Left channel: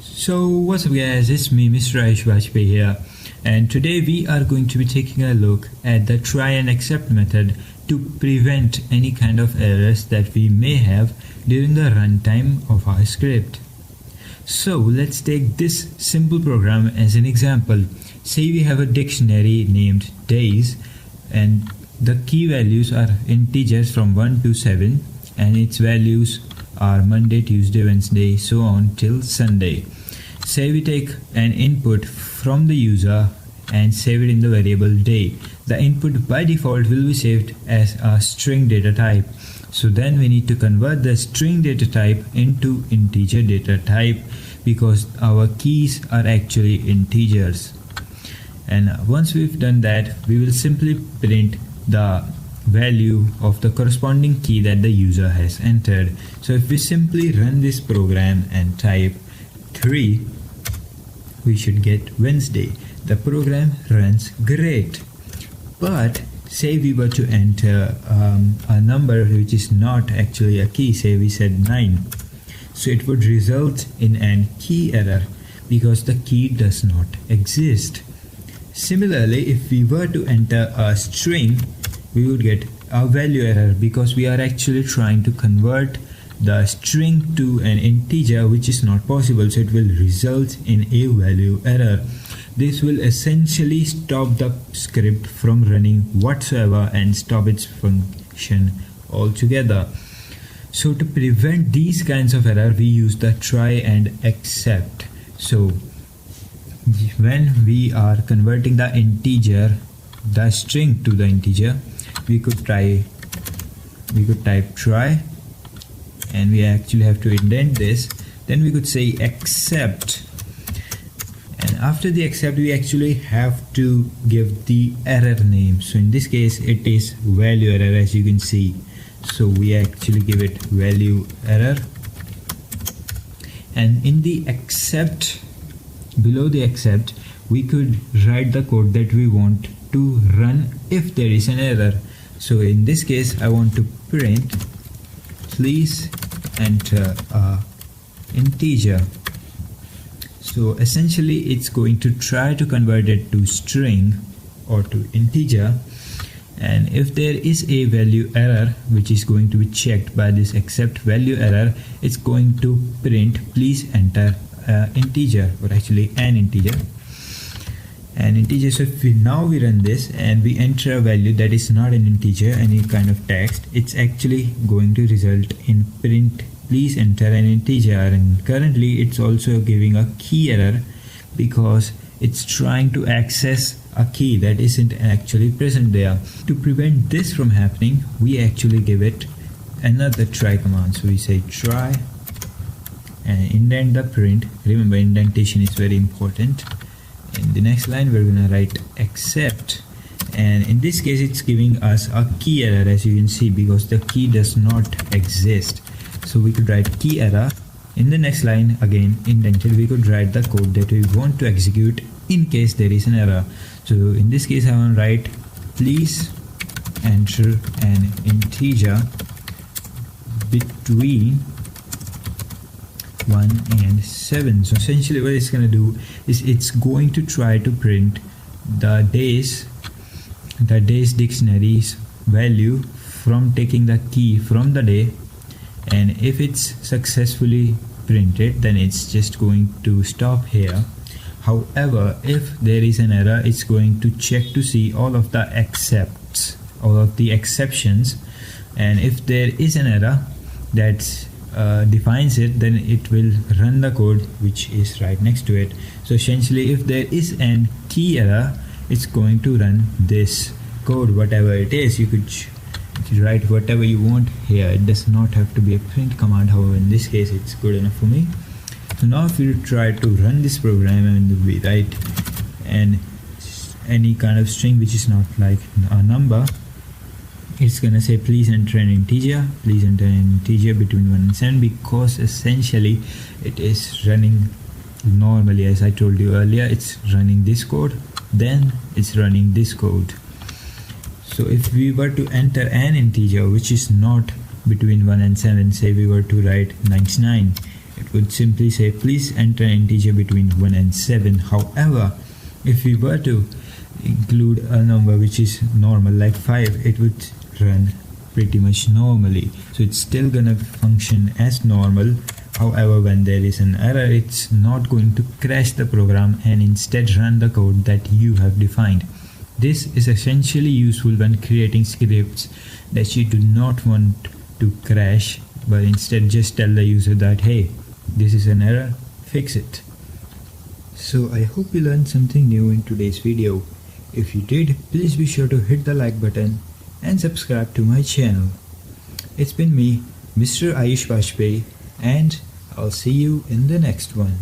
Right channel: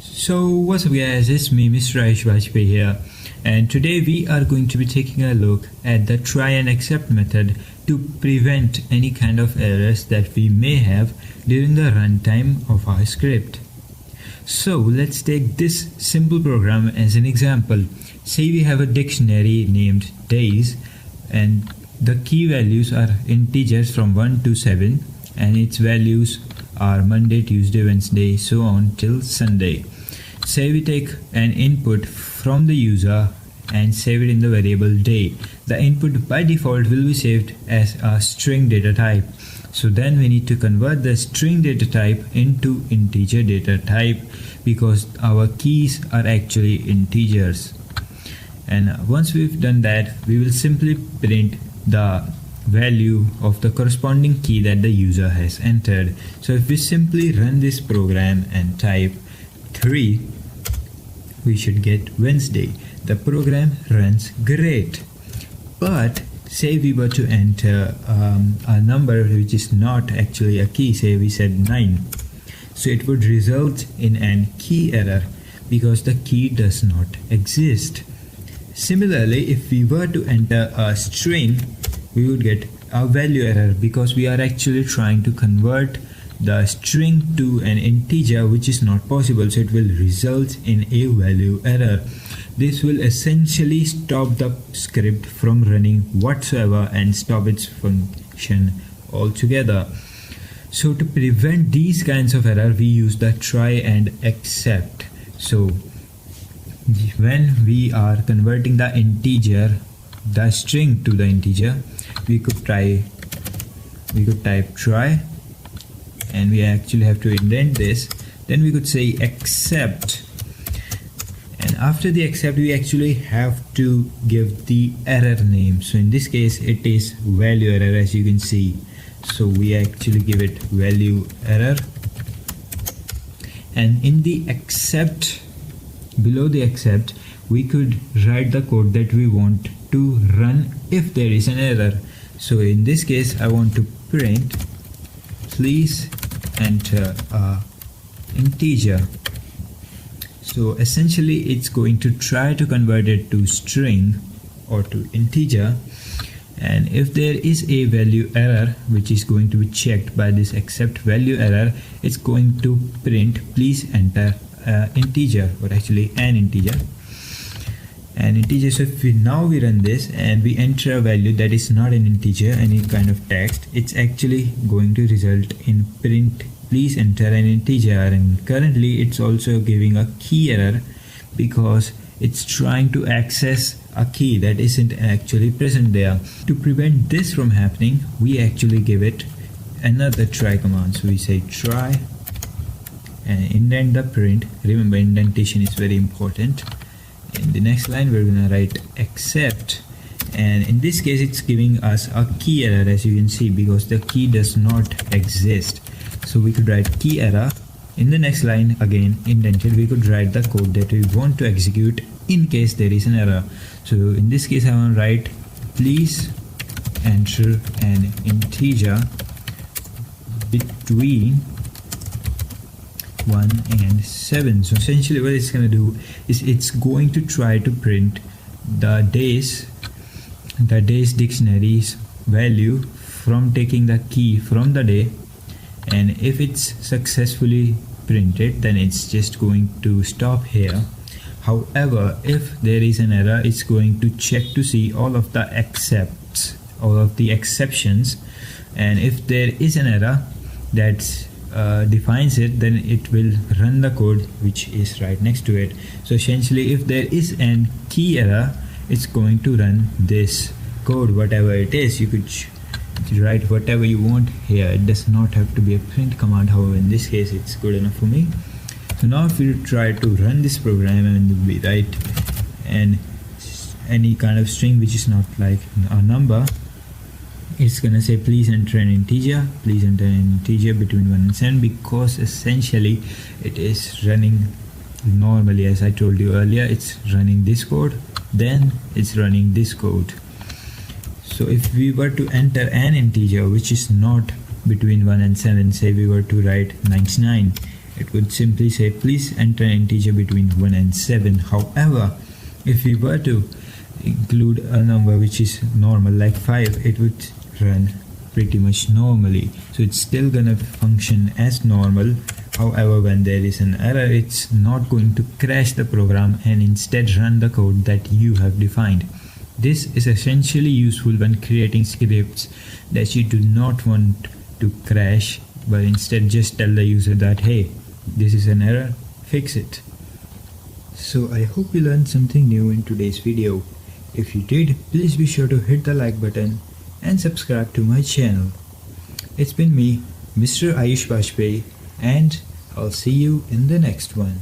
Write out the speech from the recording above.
So what's up guys, it's me MrAyushBajpai here, and today we are going to be taking a look at the try and accept method to prevent any kind of errors that we may have during the runtime of our script. So let's take this simple program as an example. Say we have a dictionary named days and the key values are integers from 1 to 7 and its values are Monday, Tuesday, Wednesday, so on till Sunday. Say we take an input from the user and save it in the variable day. The input by default will be saved as a string data type. So then we need to convert the string data type into integer data type because our keys are actually integers. And once we've done that, we will simply print the value of the corresponding key that the user has entered. So if we simply run this program and type 3, we should get Wednesday. The program runs great. But say we were to enter a number which is not actually a key, say we said 9. So it would result in a key error because the key does not exist. Similarly, if we were to enter a string, we would get a value error because we are actually trying to convert the string to an integer, which is not possible, so it will result in a value error. This will essentially stop the script from running whatsoever and stop its function altogether. So to prevent these kinds of error, we use the try and accept. So when we are converting the string to the integer, we could type try, and we actually have to indent this. Then we could say accept, and after the accept we actually have to give the error name. So in this case it is value error, as you can see. So we actually give it value error, and in the accept, below the accept, we could write the code that we want to run if there is an error. So in this case I want to print please enter a integer. So essentially it's going to try to convert it to string or to integer, and if there is a value error which is going to be checked by this accept value error, it's going to print please enter integer, but actually an integer. So if we run this and we enter a value that is not an integer, any kind of text, it's actually going to result in print please enter an integer. And currently it's also giving a key error because it's trying to access a key that isn't actually present there. To prevent this from happening, we actually give it another try command. So we say try and indent the print. Remember, indentation is very important. In the next line we're gonna write accept, and in this case it's giving us a key error, as you can see, because the key does not exist. So we could write key error. In the next line, again indented, we could write the code that we want to execute in case there is an error. So in this case I want to write please enter an integer between 1 and 7. So essentially what it's going to do is it's going to try to print the days dictionary's value from taking the key from the day, and if it's successfully printed then it's just going to stop here. However, if there is an error, it's going to check to see all of the exceptions, and if there is an error that defines it, then it will run the code which is right next to it. So essentially if there is an key error, it's going to run this code, whatever it is. You could write whatever you want here. It does not have to be a print command. However, in this case it's good enough for me. So now if we try to run this program and we write any kind of string which is not like a number, it's gonna say please enter an integer, between 1 and 7, because essentially it is running normally. As I told you earlier, it's running this code, then it's running this code. So if we were to enter an integer which is not between 1 and 7, say we were to write 99, it would simply say please enter an integer between 1 and 7. However, if we were to include a number which is normal like 5, it would run pretty much normally, so it's still gonna function as normal. However, when there is an error, it's not going to crash the program and instead run the code that you have defined. This is essentially useful when creating scripts that you do not want to crash, but instead just tell the user that hey, this is an error, fix it. So I hope you learned something new in today's video. If you did, please be sure to hit the like button and subscribe to my channel. It's been me, Mr. Ayush Bajpai, and I'll see you in the next one.